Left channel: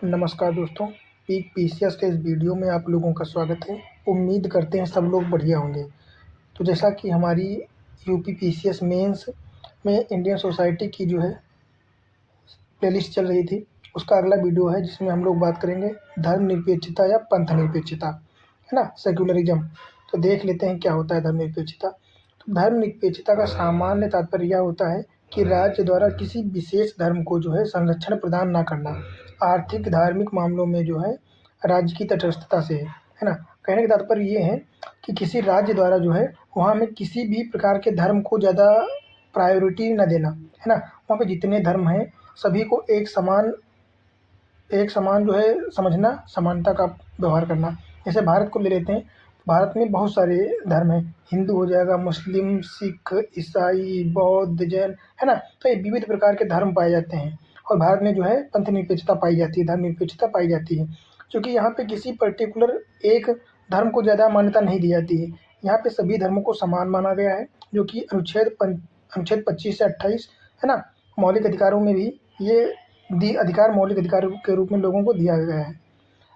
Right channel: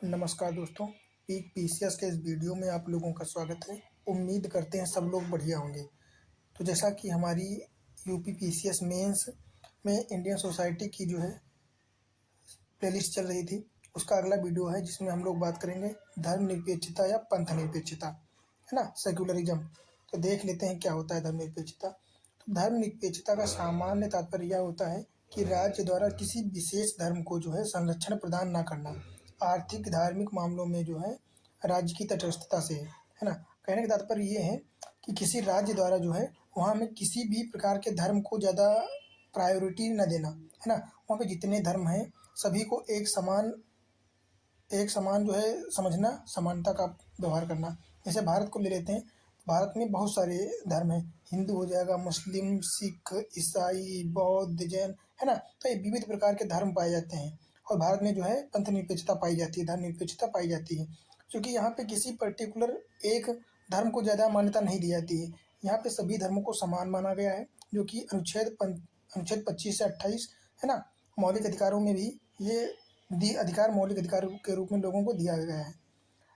नमस्कार दोस्तों, peak PCS के इस वीडियो में आप लोगों का स्वागत है। उम्मीद करते हैं सब लोग बढ़िया होंगे। तो जैसा कि हमारी यूपी पीसीएस मेंस में इंडियन सोसाइटी की जो है प्लेलिस्ट चल रही थी, उसका अगला वीडियो है जिसमें हम लोग बात करेंगे धर्मनिरपेक्षता या पंथ निरपेक्षता, है ना, सेक्युलरिज्म। तो देख लेते हैं क्या होता है धर्मनिरपेक्षता। तो धर्मनिरपेक्षता का सामान्य तात्पर्य यह होता है कि राज्य द्वारा किसी विशेष धर्म को जो है संरक्षण प्रदान ना करना। आर्थिक धार्मिक मामलों में जो है राज्य की तटस्थता से है ना। कहने का तात्पर्य ये है कि किसी राज्य द्वारा जो है वहाँ में किसी भी प्रकार के धर्म को ज़्यादा प्रायोरिटी न देना, है ना। वहाँ पे जितने धर्म हैं सभी को एक समान जो है समझना, समानता का व्यवहार करना। जैसे भारत को ले लेते हैं, भारत में बहुत सारे धर्म हैं। हिंदू हो जाएगा, मुस्लिम, सिख, ईसाई, बौद्ध, जैन, है ना। तो ये विविध प्रकार के धर्म पाए जाते हैं और भारत में जो है पंथ निरपेक्षता पाई जाती है, धर्मनिरपेक्षता पाई जाती है। क्योंकि यहाँ पे किसी पर्टिकुलर एक धर्म को ज़्यादा मान्यता नहीं दी जाती है। यहाँ पे सभी धर्मों को समान माना गया है, जो कि अनुच्छेद 25 से 28, है ना। मौलिक अधिकारों में भी ये अधिकार मौलिक अधिकारों के रूप में लोगों को दिया गया है।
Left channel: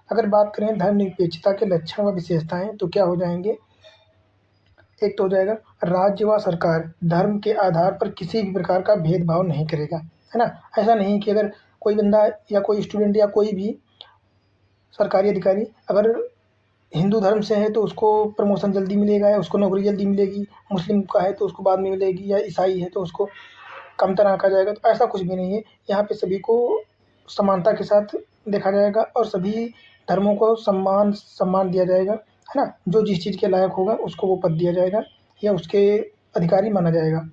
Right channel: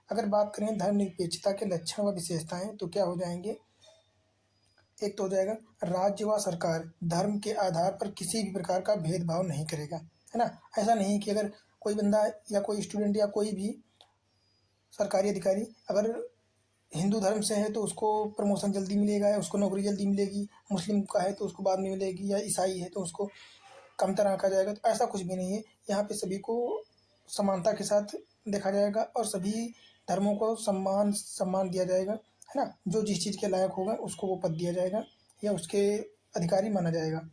अगर बात करें धर्मनिरपेक्षता के लक्षण व विशेषताएं तो क्या हो जाएंगे। एक तो हो जाएगा, राज्य व सरकार धर्म के आधार पर किसी भी प्रकार का भेदभाव नहीं करेगा, है ना। ऐसा नहीं कि अगर कोई बंदा या कोई स्टूडेंट या कोई भी सरकारी अधिकारी अगर हिंदू धर्म से है तो उसको प्रमोशन जल्दी मिलेगा या उसको नौकरी जल्दी मिलेगी, मुस्लिम का है तो उसको बाद में मिलेगी, या ईसाई है तो उसको कमतर आँका जाएगा। तो ऐसा कुछ भी नहीं है। यहाँ पे सभी को समानता के साथ देखा जाएगा और सभी धर्मों को सम्मान सम्मान दिया जाएगा, है ना। जो जिस चीज़ के लायक होगा उसको वो पद दिया जाएगा या उसके अधिकारी माना जाएगा।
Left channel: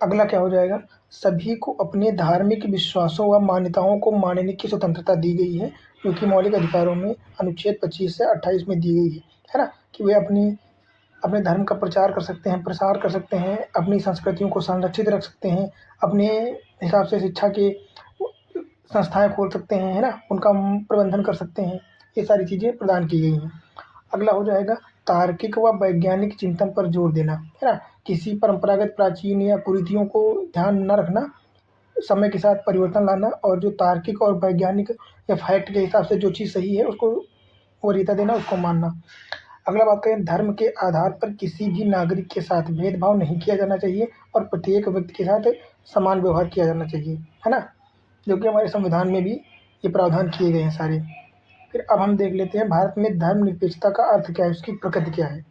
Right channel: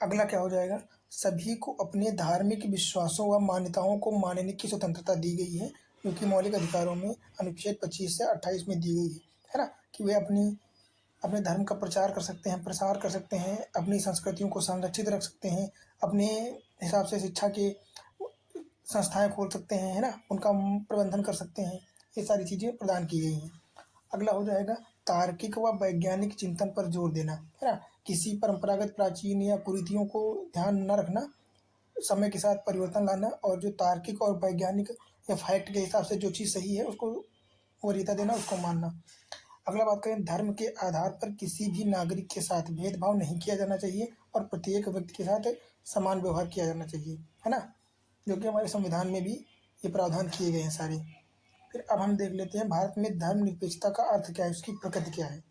अगला क्या हो जाएगा, सभी को अपने धार्मिक विश्वासों व मान्यताओं को मानने की स्वतंत्रता दी गई है, जो कि मौलिक अधिकारों में अनुच्छेद 25 से 28 में दी गई है ना। कि वे अपने धर्म का प्रचार कर सकते हैं, प्रसार कर सकते हैं, अपनी संस्कृतियों को संरक्षित रख सकते हैं, अपने हिसाब से शिक्षा के संस्थाएं खोल सकते हैं, है ना, उनका प्रबंधन कर सकते हैं। ये सारी चीज़ें प्रदान की गई हैं। अगला हो जाएगा, तार्किक व वैज्ञानिक चिंतन पर जोर देना, है ना। किसी परंपरागत प्राचीन या कुरीतियों को ध्यान न रखना, समय के साथ परिवर्तन लाना और जो तार्किक और वैज्ञानिक या फैक्ट के हिसाब से जो चीज़ सही है उसको वरीयता देना, उसको मानना। अगला बात करें, धर्म के आधार पर किसी भी नागरिक के साथ भेदभाव नहीं किया जाना चाहिए और प्रत्येक व्यक्ति के साथ समान व्यवहार किया जाना चाहिए, है ना। जो कि हमारे संविधान में भी ये प्रावधान किए गए हैं सारे। फिर अब हम देख लेते हैं भारत में धर्मनिरपेक्षता का अर्थ क्या है, उसकी प्रकृति क्या है।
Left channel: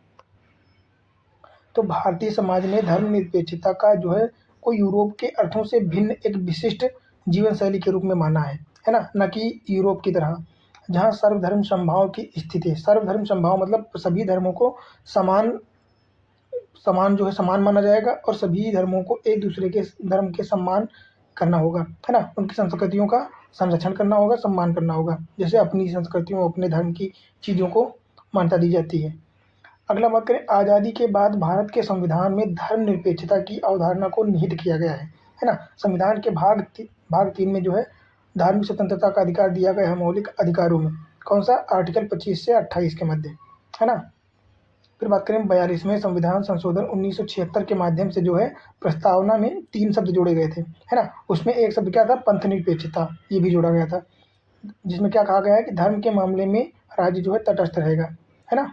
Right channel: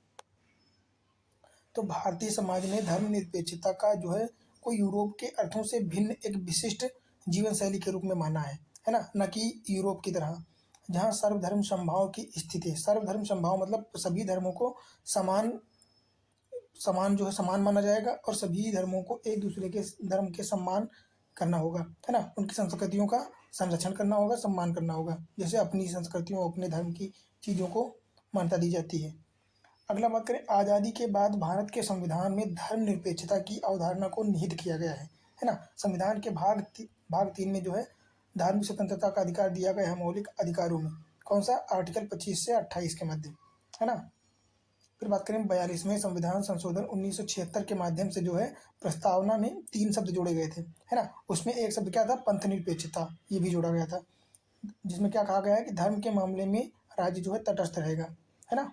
तो भारतीय समाज ने धर्मनिरपेक्षता का जो है कोई यूरोप के अर्थों से भिन्न एक विशिष्ट जीवन शैली के रूप में माना है ना। न कि यूरोप की तरह जहाँ सर्वधर्म समभाव की स्थिति है। सर्वधर्म समभाव मतलब सभी धर्मों को समान समान जो है समान माना जाएगा और सभी धर्मों को एक दूसरे के धर्म के सम्मान करना होगा, है ना। उनकी संस्कृतियों का संरक्षण करना होगा, सम्मान करना होगा, जैसे अपनी संस्कृतियों अपने धर्म की चीज़ों को मान्यता दी जाती है। अगला बात करें, आज़ादी के बाद भारत के संविधान में धर्मनिरपेक्षता की अवधारणा को निहित किया गया है ना। संविधान के भाग 3 में जो है धार्मिक स्वतंत्रता का अधिकार दिया गया है मौलिक अधिकारों में। कौन सा, आर्टिकल 25 से 28 के मध्य, है ना। फिर बात करें 42वें संविधान संशोधन 1976 के माध्यम से जो है प्रस्तावना में 3 शब्द जोड़े गए थे, है ना। उसमें एक शब्द क्या था, पंथ निरपेक्षता, ये भी जोड़ा गया था, जिसमें क्या कहा गया है कि धर्म के मामले में राज्य जो है तटस्थ रहेगा, है ना।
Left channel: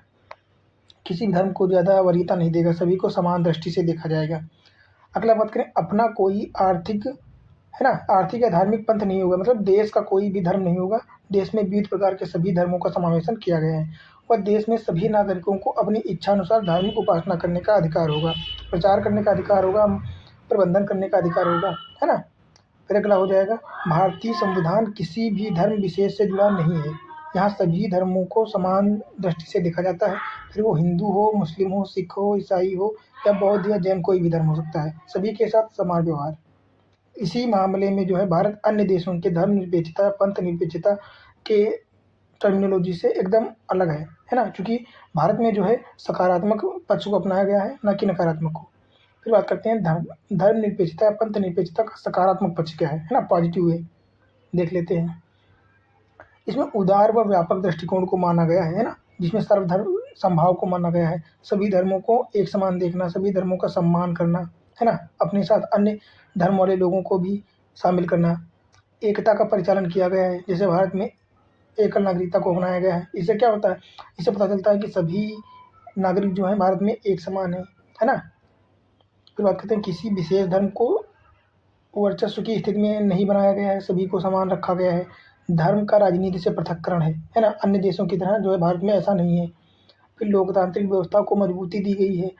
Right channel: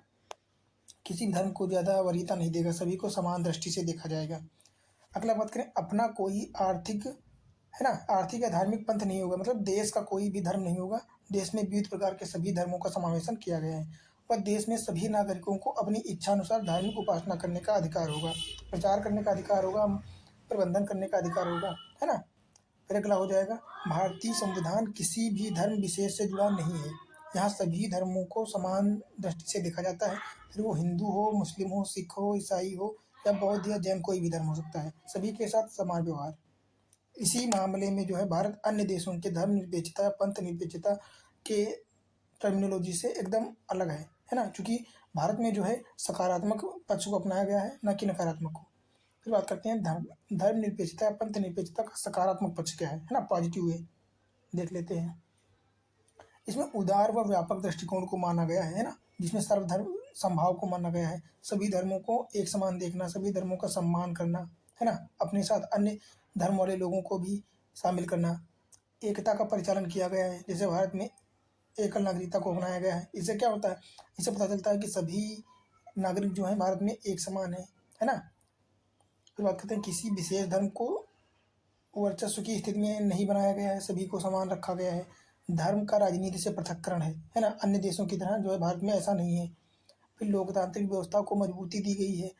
किसी धर्म को ज़्यादा वरीयता नहीं देगा, सभी को समान दृष्टि से देखा जाएगा। अगला बात करें, अपना कोई आर्थिक, है ना, आर्थिक या धार्मिक पंथ नहीं होगा, मतलब देश का कोई भी धर्म नहीं होगा। देश में विविध प्रकार के सभी धर्मों का समावेशन किया गया है और देश में सभी नागरिकों को अपनी इच्छानुसार धार्मिक उपासना करने का अधिकार होगा, प्रचार करने का अधिकार होगा, प्रबंधन करने का अधिकार होगा, है ना। फिर अगला हो जाएगा, भारतीय संविधान किसी भी धर्म विशेष से जुड़ा नहीं है। यहाँ सभी धर्मों को समान दृष्टि से देखा जाता है, फिर वो हिंदू हो, मुस्लिम हो, सिख हो, ईसाई हो या बौद्ध या जैन, कोई भी धर्म हो सकता है, सभी के साथ समान व्यवहार। इसी मामले में जो है भारत अन्य देशों के धर्मनिरपेक्षता, पंथ निरपेक्षता के टर्मिनोलॉजी से एकदम अलग है ना। क्योंकि भारत में जो है सकारात्मक पक्ष को अपनाया गया है, ना कि नकारात्मक को। फिर बात करते हैं धर्मनिरपेक्षता या पंथ निरपेक्षता का सकारात्मक पक्ष क्या है ना, पॉजिटिव वे देख लेते हैं। इसमें उदार व व्यापक दृष्टिकोण को माना गया है ना, जिसमें सर्वधर्म समभाव को माना गया है, सभी धर्मों को एक समान देखना, सभी धर्मों का सम्मान करना, है ना, अपने साथ अन्य धर्म वाले लोगों को भी शामिल करना। एकता का परिचालन किया गया है। जैसे भारत में एकल नागरिकता को अपनाया गया है। इससे क्या होता है, इससे पता चलता है कि सभी नागरिक जो हैं भारत में एक समान है ना। फिर बात करते हैं, किसी विशेष धर्म को वर्चस्व की स्थिति में नहीं बनाया गया है, सभी को समान रखा गया है। धर्म का राजनीति से पृथक्करण है ना। अन्य देशों की तरह जो है भारत में ऐसा नहीं है। फिर लोकतांत्रिक व्यवस्था को मजबूती दी गई है।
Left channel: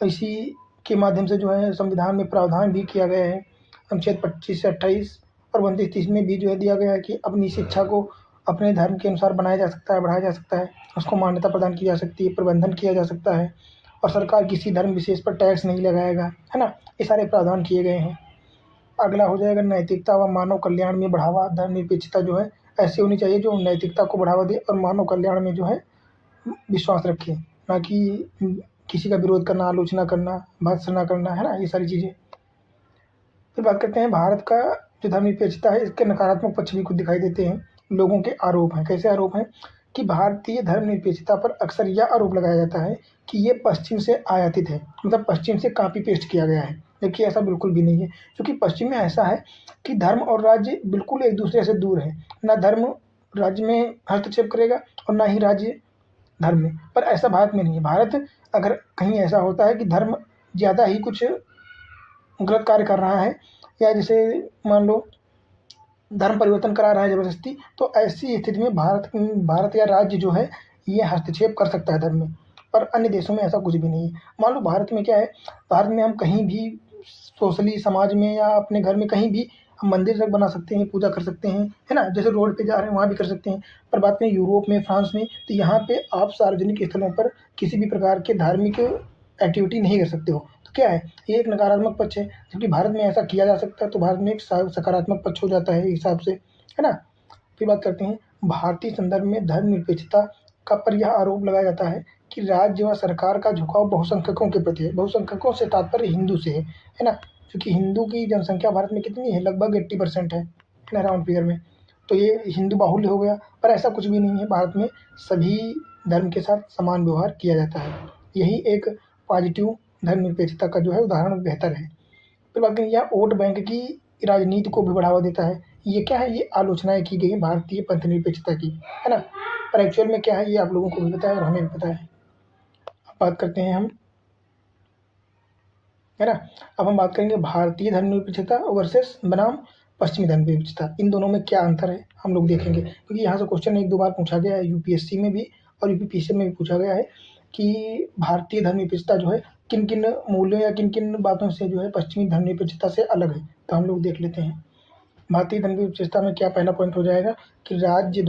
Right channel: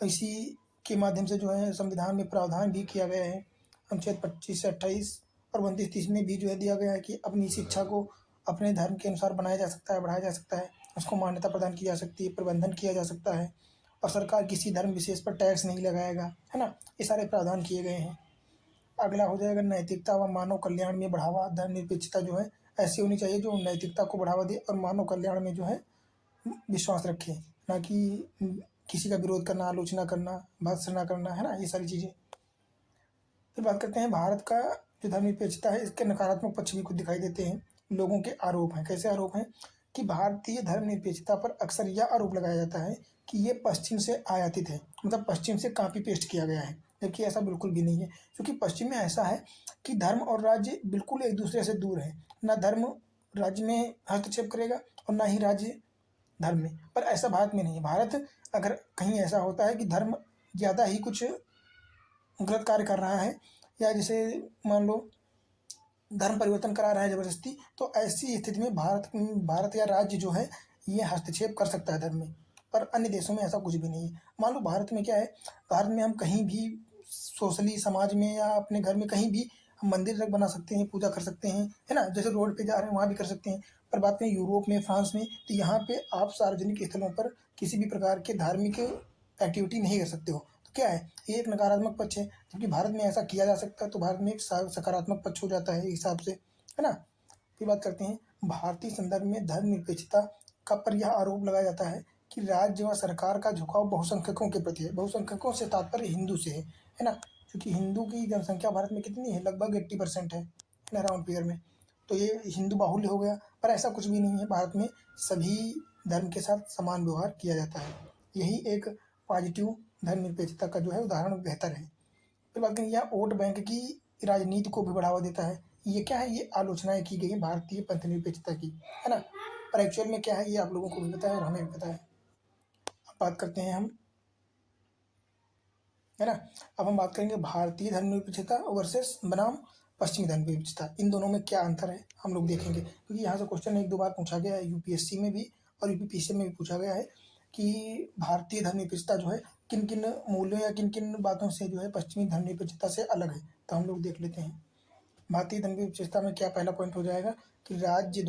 इसी के माध्यम से जो है संविधान में प्रावधान भी किया गया है। अनुच्छेद 25 से 28 और 32-30 में भी जो है दिया गया है कि अपनी शिक्षा को अपने धर्म के अनुसार बनाया जा सकता है, बढ़ाया जा सकता है, उसको मान्यता प्रदान की जा सकती है, प्रबंधन किया जा सकता है, और सरकार किसी धर्म विशेष पर टैक्स नहीं लगाएगा, है ना। ये सारे प्रावधान किए गए हैं। अगला हो जाएगा नैतिकता व मानव कल्याण में बढ़ावा। धर्मनिरपेक्षता जो है ऐसी होनी चाहिए जो नैतिकता को बढ़ावा दे और मानव कल्याण में जो है विश्वास रखे, ना कि किसी का विरोध करना, आलोचना करना, भर्त्सना करना, है ना, ये सारी चीज़ें। फिर बात करते हैं भारत का जो धर्मनिरपेक्षता है इसके नकारात्मक पक्ष भी कुछ दिखाई देते हैं। लोगों के आरोप हैं। कैसे आरोप हैं कि भारतीय धर्मनिरपेक्षता पर अक्सर यह आरोप लगाया जाता है कि ये पश्चिम से आयातित है, मतलब पश्चिम से कॉपी पेस्ट किया गया है, जबकि ऐसा बिल्कुल भी नहीं है। क्योंकि पश्चिम में ऐसा है कि धर्म और राज्य बिल्कुल एक दूसरे से दूर है। ना धर्म राज्य में हस्तक्षेप करेगा और ना ही राज्य धर्म में, पर ऐसा भारत में नहीं है। भारत अगर कहीं ऐसा होता है कि धर्म ज़्यादा ही कुछ गलत कार्य कर रहा है, या जैसे मान लो धर्म परिवर्तन करा रहा है ज़बरदस्ती, तो ऐसी स्थिति में भारत या राज्य जो है ये हस्तक्षेप कर सकता है धर्म में। पर अन्य देशों में ऐसा कुछ भी नहीं है। मान लो भारत में क्या है, भारत में हम कहीं भी सोशली समाज में या अपने घर में कहीं भी हम मंदिर तक बना सकते हैं, पूजा कर सकते हैं, है ना। जैसे रोड पे जा रहे हैं वहाँ भी कर सकते हैं। पर बात करें यूरोप में, फ्रांस में, तो यहाँ पे आप सार्वजनिक स्थलों पर किसी भी प्रकार के धार्मिक एक्टिविटी नहीं कर सकते हो। तो क्या है, ये एक नकारात्मक पक्ष है। क्योंकि भारत में ऐसा किया जा सकता है तो भारत में एक सकारात्मक पक्ष हो जाता है इस हिसाब से, है ना। फिर बात करते हैं भारतीय संदर्भ में धर्मनिरपेक्षता का पर यह आरोप लगाया जाता है कि राज्य व सरकार का झुकाव बहुसंख्यकों के प्रति है। बहुसंख्यकों से तात्पर्य हिंदू से है ना। क्योंकि हिंदू की जनसंख्या भारत में कितनी है, लगभग 80% है ना, राउंड फिगर में। तो ये हिंदू बाहुल्य हो गया, पर ऐसा कुछ भी नहीं है। भारत में सभी धर्म के साथ समान व्यवहार किया जाता है। यही एक पॉजिटिव धर्मनिरपेक्षता का जो है उदाहरण बेहतर है। फिर बात करें यह वोट बैंक की राजनीति को भी बढ़ावा देता है। ये क्या है, ये आलोचनाएं की गई भारतीय पंथ निरपेक्षता की, है ना। पर एक्चुअल में क्या है ये आप लोगों को भी पता है और हमें भी पता है। अब बात करते हैं हम, है ना। अब हम बात करेंगे भारतीय धर्मनिरपेक्षता वर्सेस बनाम पश्चिमी धर्मनिरपेक्षता। इन दोनों में क्या अंतर है हम लोग देखेंगे, क्योंकि यहाँ से क्वेश्चन एक दो बार पूछा गया है, यूपीएससी में भी और यूपीपीएससी में भी पूछा गया है कि भारतीय धर्मनिरपेक्षता जो है किन किन मूल्यों या किन किन बातों से जो है पश्चिमी धर्मनिरपेक्षता से अलग है। तो हम लोग देख लेते हैं। भारतीय धर्मनिरपेक्षता में क्या पहला पॉइंट हो जाएगा कि राज्य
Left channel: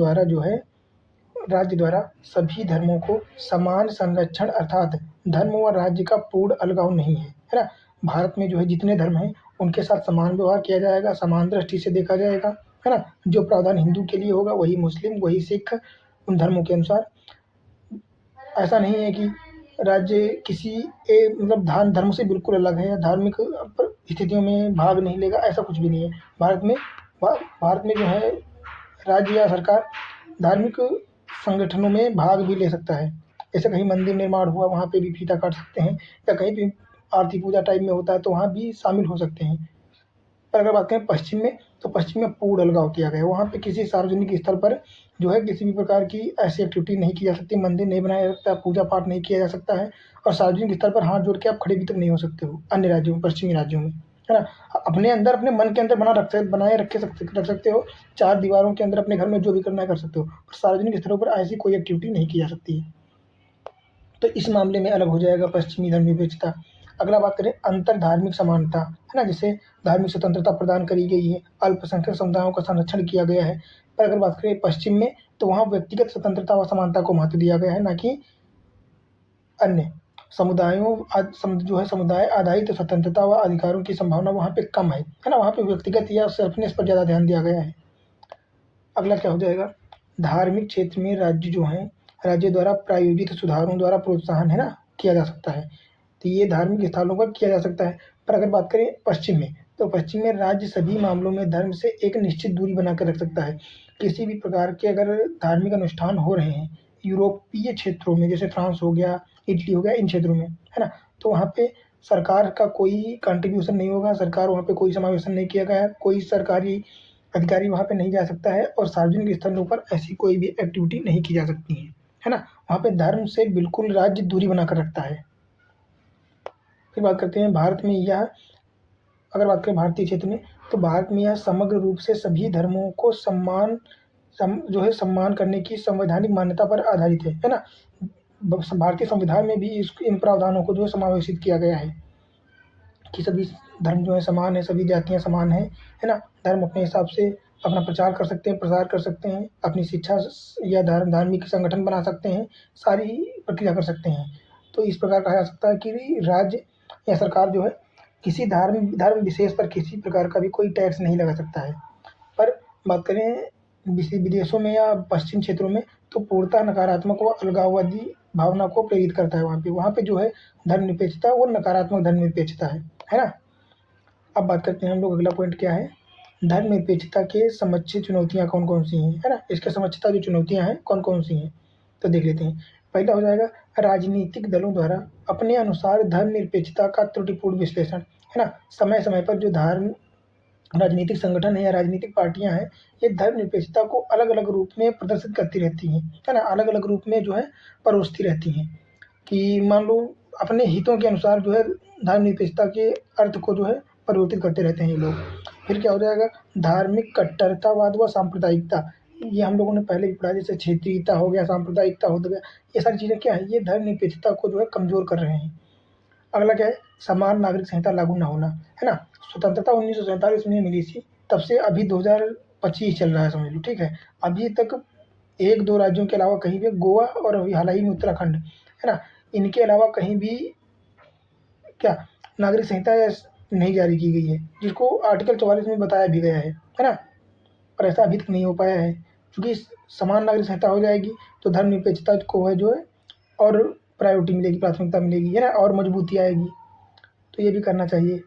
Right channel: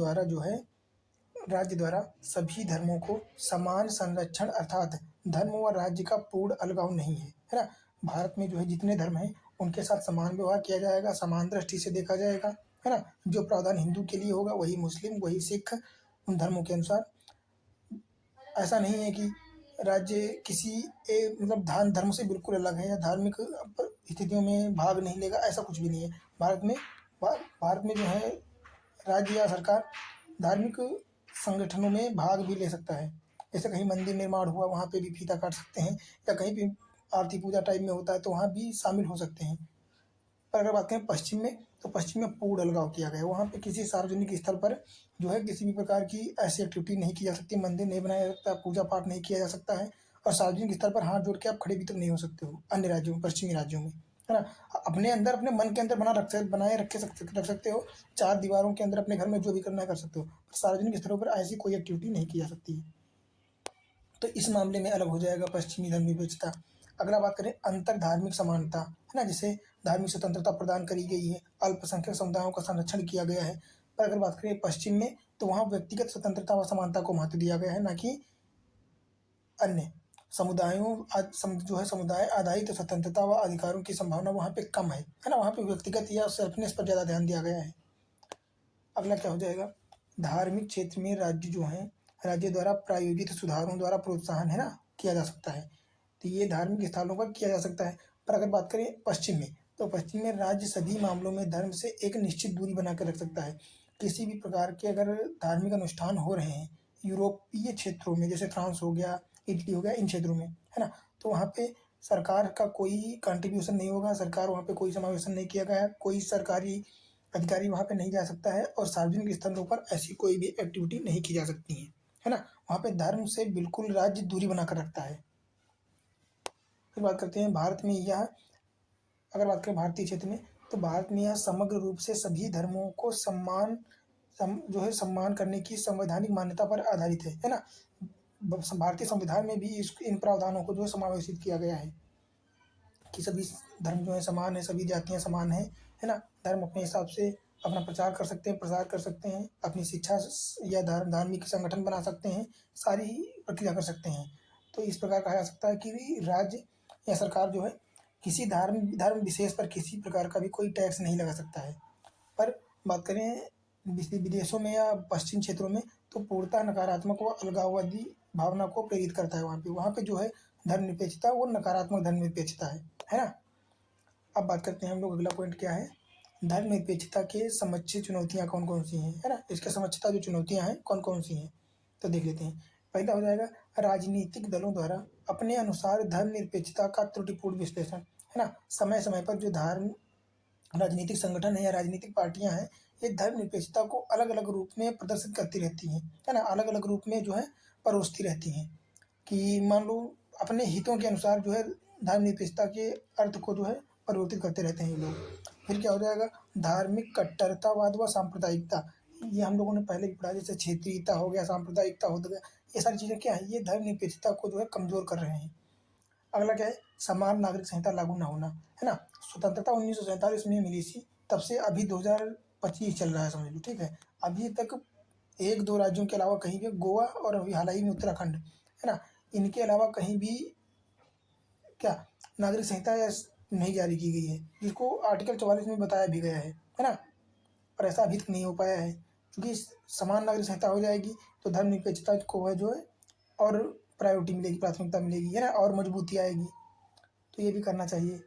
द्वारा सभी धर्मों को समान संरक्षण, अर्थात धर्म व राज्य का पूर्ण अलगाव नहीं है ना। भारत में जो है जितने धर्म हैं उनके साथ समान व्यवहार किया जाएगा, समान दृष्टि से देखा जाएगा, है ना। जो प्रावधान हिंदू के लिए होगा वही मुस्लिम, वही सिख, उन धर्मों के अनुसार। ऐसा नहीं है कि राज्य किसी मतलब धर्म से बिल्कुल अलग है या धार्मिक स्थितियों में भाग नहीं लेगा, ऐसा कुछ भी नहीं है। भारत में जो है राज्य या सरकार धार्मिक संगठनों में भाग भी ले सकता है। जैसे कहीं मंदिर निर्माण हुआ वहाँ पे भी फीता काट सकते हैं, या कहीं भी आरती पूजा टाइप में होता है तो वहाँ भी शामिल हो सकते हैं। पर अगर बात करें पश्चिम में, तो पश्चिम में पूर्ण अलगाव किया गया है। वहाँ पे किसी सार्वजनिक स्थल पर जो है किसी भी प्रकार की ऐसी एक्टिविटी नहीं की जा सकती, मंदिर नहीं बनाया जा सकता, पूजा पाठ नहीं किया जा सकता है, और सार्वजनिक स्थल पर हाथ जोड़ के आप खड़े भी तक नहीं हो सकते हो अन्य राज्यों में, पश्चिमी राज्यों में, है ना। अपने अंदर अपने मन के अंदर बनाए रख सकते हो, चार दीवारों के अंदर अपने घर में जो भी करना है कर सकते हो, पर सार्वजनिक स्थलों पर ऐसी कोई एक्टिविटी नहीं की जा सकती है। तो इस मामले में अलग हो जाएगा पश्चिमी धर्मनिरपेक्षता। अगला बात करें अंतर धार्मिक समानता, है ना। जैसे धार्मिक स्वतंत्रता प्रदान करी गई है, अल्पसंख्यक समुदायों का संरक्षण किया गया है। पर अगर बात करें पश्चिम में, तो वहाँ व्यक्तिगत स्वतंत्रता व समानता को महत्व दिया गया है, ना कि अन्य समुदायों जो है समुदाय आधारित स्वतंत्रता व अधिकारों की संभावना वहाँ पे कम है ना। वहाँ पे व्यक्तिगत या सेल्फनेस पर ज़्यादा ध्यान दिया गया है। अगला क्या हो जाएगा, धार्मिक क्षेत्र में राज्य द्वारा प्रायोजित सुधारों द्वारा प्रोत्साहन, है ना, किया जा सकता है। तो ये धार्मिक स्थलों पर किया जा सकता है। पर अगर बात करें पश्चिम में, तो पश्चिम में राज्य सभी मामलों में धर्म से एक निश्चित दूरी बनाकर रख सकता है। किसी भी प्रकार के अगर धार्मिक अनुष्ठान हो रहे हैं यूरोपीय क्षेत्रों में, जैसे फ्रांस हो गया, इटली हो गया, इन क्षेत्रों में, है ना, तो वहाँ पे सरकार का कोई कंट्रीब्यूशन नहीं होगा, सरकार वहाँ पे कोई समावेशन नहीं किया गया है, कोई सरकारी अधिकारी वहाँ पे नहीं जा सकता है और सार्वजनिक स्थलों पर ऐसी कोई भी एक्टिविटी नहीं की जा सकती है ना? वहाँ पे धर्म से बिल्कुल राज्य दूरी बनाकर रखता है। फिर बात करते हैं भारत में यह अगर बात करें भारतीय क्षेत्र में, तो भारत में यह समग्र रूप से सभी धर्मों को सम्मान करने की संवैधानिक मान्यता पर आधारित है ना? भारतीय संविधान में भी इस इन प्रावधानों को जो है समावेशित किया गया है कि सभी धर्म जो है समान है, सभी जातियाँ समान हैं, है ना? धर्म अपने हिसाब से अपना प्रचार कर सकते हैं, प्रसार कर सकते हैं, अपनी शिक्षा या धार्मिक संगठन बना सकते हैं, सारी प्रक्रिया कर सकते हैं। तो इस प्रकार कहा जा सकता है कि राज्य या सरकार जो है किसी धर्म विशेष पर किसी प्रकार का भी कोई टैक्स नहीं लगा सकता है। पर बात करें विदेशों में या पश्चिम क्षेत्रों में, तो पूर्णतः नकारात्मक व अलगाववादी भावना को प्रेरित करता है वहाँ पे जो है धर्मनिरपेक्षता वो नकारात्मक धर्मनिरपेक्षता है ना? अब बात करते हैं हम लोग अगला पॉइंट क्या है, धर्मनिरपेक्षता के समक्ष चुनौतियाँ कौन-कौन सी हैं, है ना? इसके समक्षता जो चुनौतियाँ हैं कौन-कौन सी हैं, तो देख लेते हैं। पहला हो जाएगा राजनीतिक दलों द्वारा अपने अनुसार धर्मनिरपेक्षता का त्रुटिपूर्ण विश्लेषण, है ना? समय-समय पर जो राजनीतिक संगठन है या राजनीतिक पार्टियाँ हैं, ये धर्मनिरपेक्षता को अलग-अलग रूप में प्रदर्शित करती रहती हैं, है ना? अलग-अलग रूप में जो है परोसती रहती हैं कि मान लो अपने हितों के अनुसार जो है धर्मनिरपेक्षता के अर्थ को जो है परिवर्तित करते रहते हैं ये लोग। फिर क्या हो जाएगा, धार्मिक कट्टरतावाद व सांप्रदायिकता, ये हम लोगों ने पहले भी पढ़ा, जैसे क्षेत्रीयता हो गया, सांप्रदायिकता हो गया, ये सारी चीज़ें क्या है, ये धर्मनिरपेक्षता को जो है कमज़ोर कर रहे हैं। अगला क्या है, समान नागरिक संहिता लागू ना होना, है ना? स्वतंत्रता 1947 में मिली थी, तब से अभी 2025 चल रहा है समझ लो, ठीक है? अभी तक 1-2 राज्यों के अलावा कहीं भी, गोवा और अभी हाल ही में उत्तराखंड, है ना? इनके अलावा कहीं भी क्या नागरिक संहिता या नहीं जारी की गई है, जिसको आर्टिकल 44 में बताया भी गया है ना? और ऐसा अभी तक नहीं हो पाया है, क्योंकि समान नागरिक संहिता हो जाएगी तो धर्मनिरपेक्षता को है जो है और प्रायोरिटी मिलेगी, प्राथमिकता मिलेगी, है ना? और मजबूती आएगी, तो ये भी करना चाहिए।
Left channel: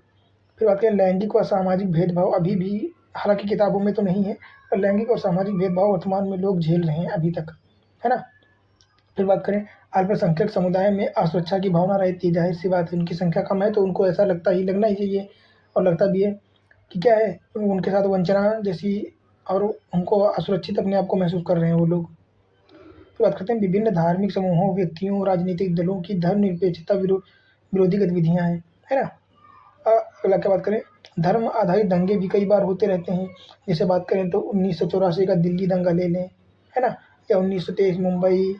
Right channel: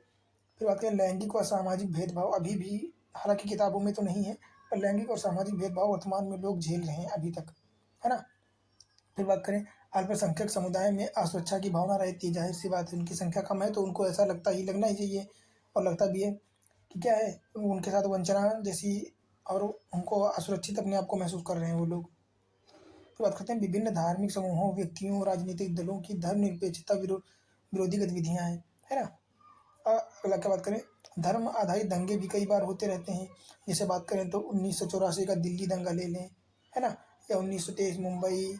फिर बात करें लैंगिक व सामाजिक भेदभाव, अभी भी हालांकि किताबों में तो नहीं है, पर लैंगिक और सामाजिक भेदभाव वर्तमान में लोग झेल रहे हैं अभी तक, है ना? फिर बात करें अल्पसंख्यक समुदाय में असुरक्षा की भावना रहती है, जाहिर सी बात है, उनकी संख्या कम है तो उनको ऐसा लगना ही चाहिए और लगता भी है कि क्या है, उनके साथ वंचना जैसी और उनको असुरक्षित अपने आप को महसूस कर रहे हैं वो लोग। फिर बात करते हैं विभिन्न धार्मिक समूहों, व्यक्तियों, राजनीतिक दलों की धर्मनिरपेक्षता विरोधी गतिविधियाँ हैं, है ना? अगला क्या बात करें, धर्म आधारित दंगे भी कई बार होते रहते हैं। जैसे बात करें तो 1984 का दिल्ली दंगा ले लें, है ना? या 1923 मुंबई,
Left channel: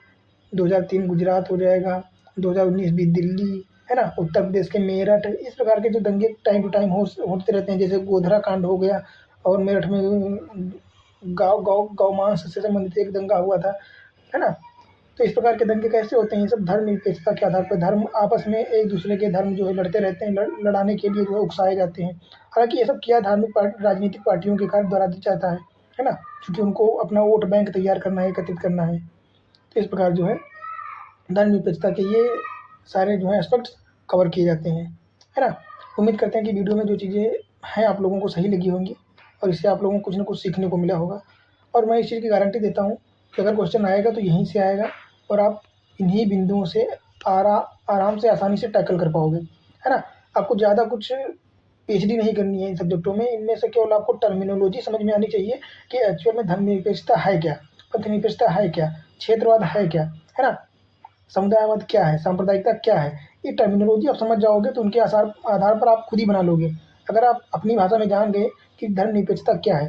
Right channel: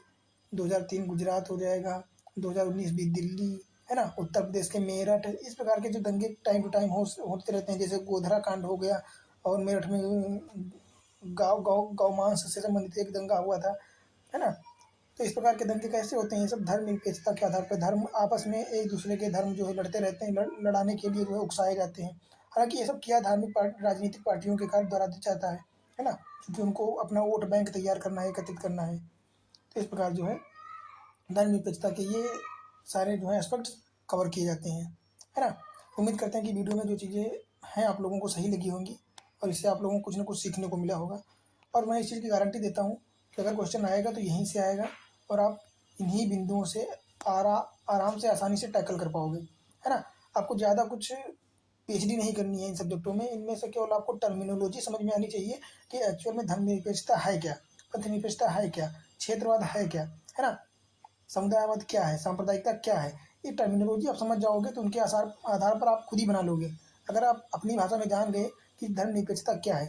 2003 गुजरात हो जाएगा, 2019 भी दिल्ली, है ना? उत्तर प्रदेश के मेरठ, इस प्रकार के जो दंगे टाइम टू टाइम होते रहते हैं। जैसे गोधरा कांड हो गया और मेरठ में गौमांस से संबंधित एक दंगा हुआ था, है ना? तो इस प्रकार के दंगे कैसे होते हैं, ये सब धर्मनिरपेक्षता के आधार पर, धर्म आपस में एक दूसरे के धर्म जो है लड़ते रहते हैं, लड़ाने के लिए जो है उकसाए जाते हैं। हालांकि ये सब क्या राजनीतिक पार्टियों के कारण द्वारा जाता है ना? क्योंकि उनको अपना वोट बैंक तैयार करना है, एकत्रित करना है। तो इस प्रकार जो है धर्मनिरपेक्षता के ये सारे जो है एस्पेक्ट्स कवर किए जाते हैं, है ना? उम्मीद करते हैं कि वीडियो में जो चीज़ें हैं आप लोगों को सही लगी होंगी और इससे आप लोगों को कुछ ना कुछ सीखने को मिला होगा। और मैं इस चीज़ की गारंटी देता हूँ कि अगर क्वेश्चन आएगा तो यहीं से आएगा और आप इन्हीं बिंदुओं से आराम से आसानी से टैकल कर पाओगे, है ना? आपको ज़्यादा कुछ पीएचडी नहीं करनी है इन सब्जेक्टों में, इनमें से केवल आपको टर्मिनोलॉजी समझ में आनी चाहिए कि एक्चुअल में धर्मनिरपेक्षता है क्या, पथनिरपेक्षता है क्या, क्षेत्रवाद है क्या, है ना? समुदायवाद क्या है, सांप्रदायिकता क्या है, ये टर्मिनोलॉजी आप समझ जाओगे तो उनके आधार पर आप खुद ही बना लोगे। अगर आप अपनी भाषा में जान गए कि धर्मनिरपेक्षता क्या है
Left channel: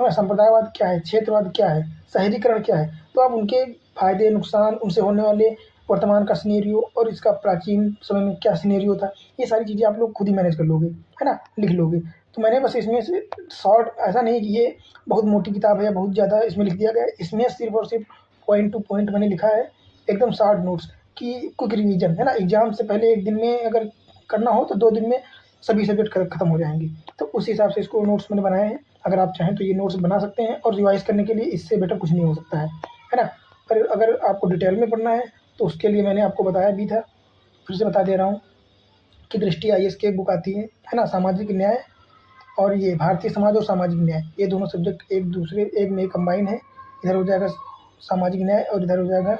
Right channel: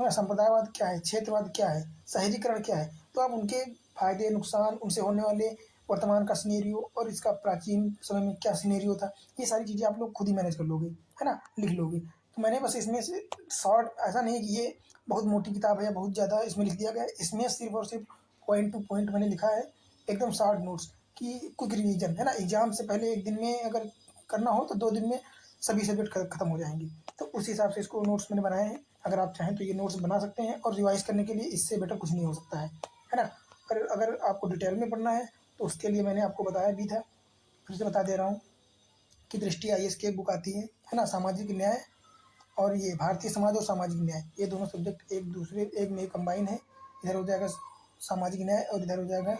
ना, संप्रदायवाद क्या है, क्षेत्रवाद क्या है, शहरीकरण क्या है, तो आप उनके फायदे, नुकसान, उनसे होने वाले वर्तमान का सिनेरियो और इसका प्राचीन समय में क्या सिनेरियो था, ये सारी चीज़ें आप लोग खुद ही मैनेज कर लोगे, है ना? लिख लोगे। तो मैंने बस इसमें से शॉर्ट, ऐसा नहीं कि ये बहुत मोटी किताब है या बहुत ज़्यादा इसमें लिख दिया गया है, इसमें सिर्फ और सिर्फ पॉइंट टू पॉइंट मैंने लिखा है, एकदम शॉर्ट नोट्स कि क्विक रिवीजन, है ना? एग्जाम से पहले 1 दिन में अगर करना हो तो 2 दिन में सभी सब्जेक्ट खत्म हो जाएंगे। तो उस हिसाब से इसको नोट्स मैंने बनाए हैं। अगर आप चाहें तो ये नोट्स बना सकते हैं और रिवाइज करने के लिए इससे बेटर कुछ नहीं हो सकता है ना? पर अगर आपको डिटेल में पढ़ना है तो उसके लिए मैंने आपको बताया भी था, फिर से बता दे रहा हूँ कि दृष्टि आईएएस की एक बुक आती है ना? सामाजिक न्याय और ये भारतीय समाज और सामाजिक न्याय, ये दोनों सब्जेक्ट एक में कंबाइन है। इधर हो जाएगा सामाजिक न्याय और इधर हो जाएगा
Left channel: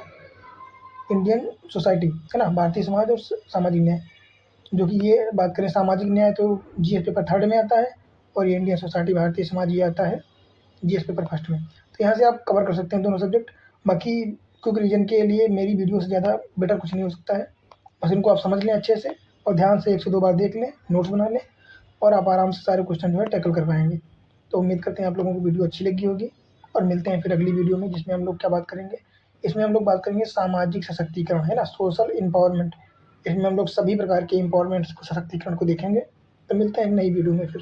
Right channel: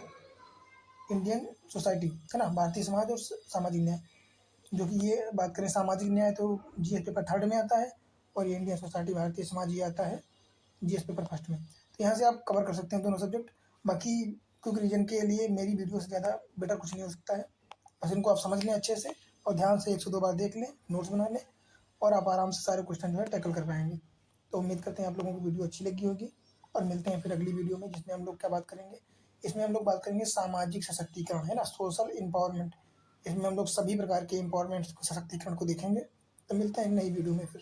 इंडियन सोसाइटी, है ना? भारतीय समाज और सामाजिक न्याय, जो कि ये बात करें सामाजिक न्याय तो जीएस पेपर 3rd में आता है और ये इंडियन सोसाइटी भारतीय समाज ये आता है जीएस पेपर फर्स्ट में। तो यहाँ से आप कवर कर सकते हैं दोनों सब्जेक्ट। बाकी क्विक रीजन के लिए मेरी वीडियो से ज़्यादा बेटर कुछ नहीं हो सकता है। बस इनको आप समझ लें अच्छे से और ध्यान से 1 से 2 बार देख लें, नोट्स बना लें और आप आराम से सारे क्वेश्चन जो है टैकल कर पाएँगे। तो उम्मीद करते हैं आप लोगों को वीडियो अच्छी लगी होगी और मिलते हैं फिर अगली वीडियो में, जिसमें हम लोग क्या बात करेंगे, इसमें हम लोग बात करेंगे सामाजिक सशक्तिकरण, है ना, सोशल एम्पावरमेंट। इसमें हम लोग सभी प्रकार के एम्पावरमेंट को, सशक्तिकरण को देखेंगे। तो मिलते हैं एक नई वीडियो में फिर।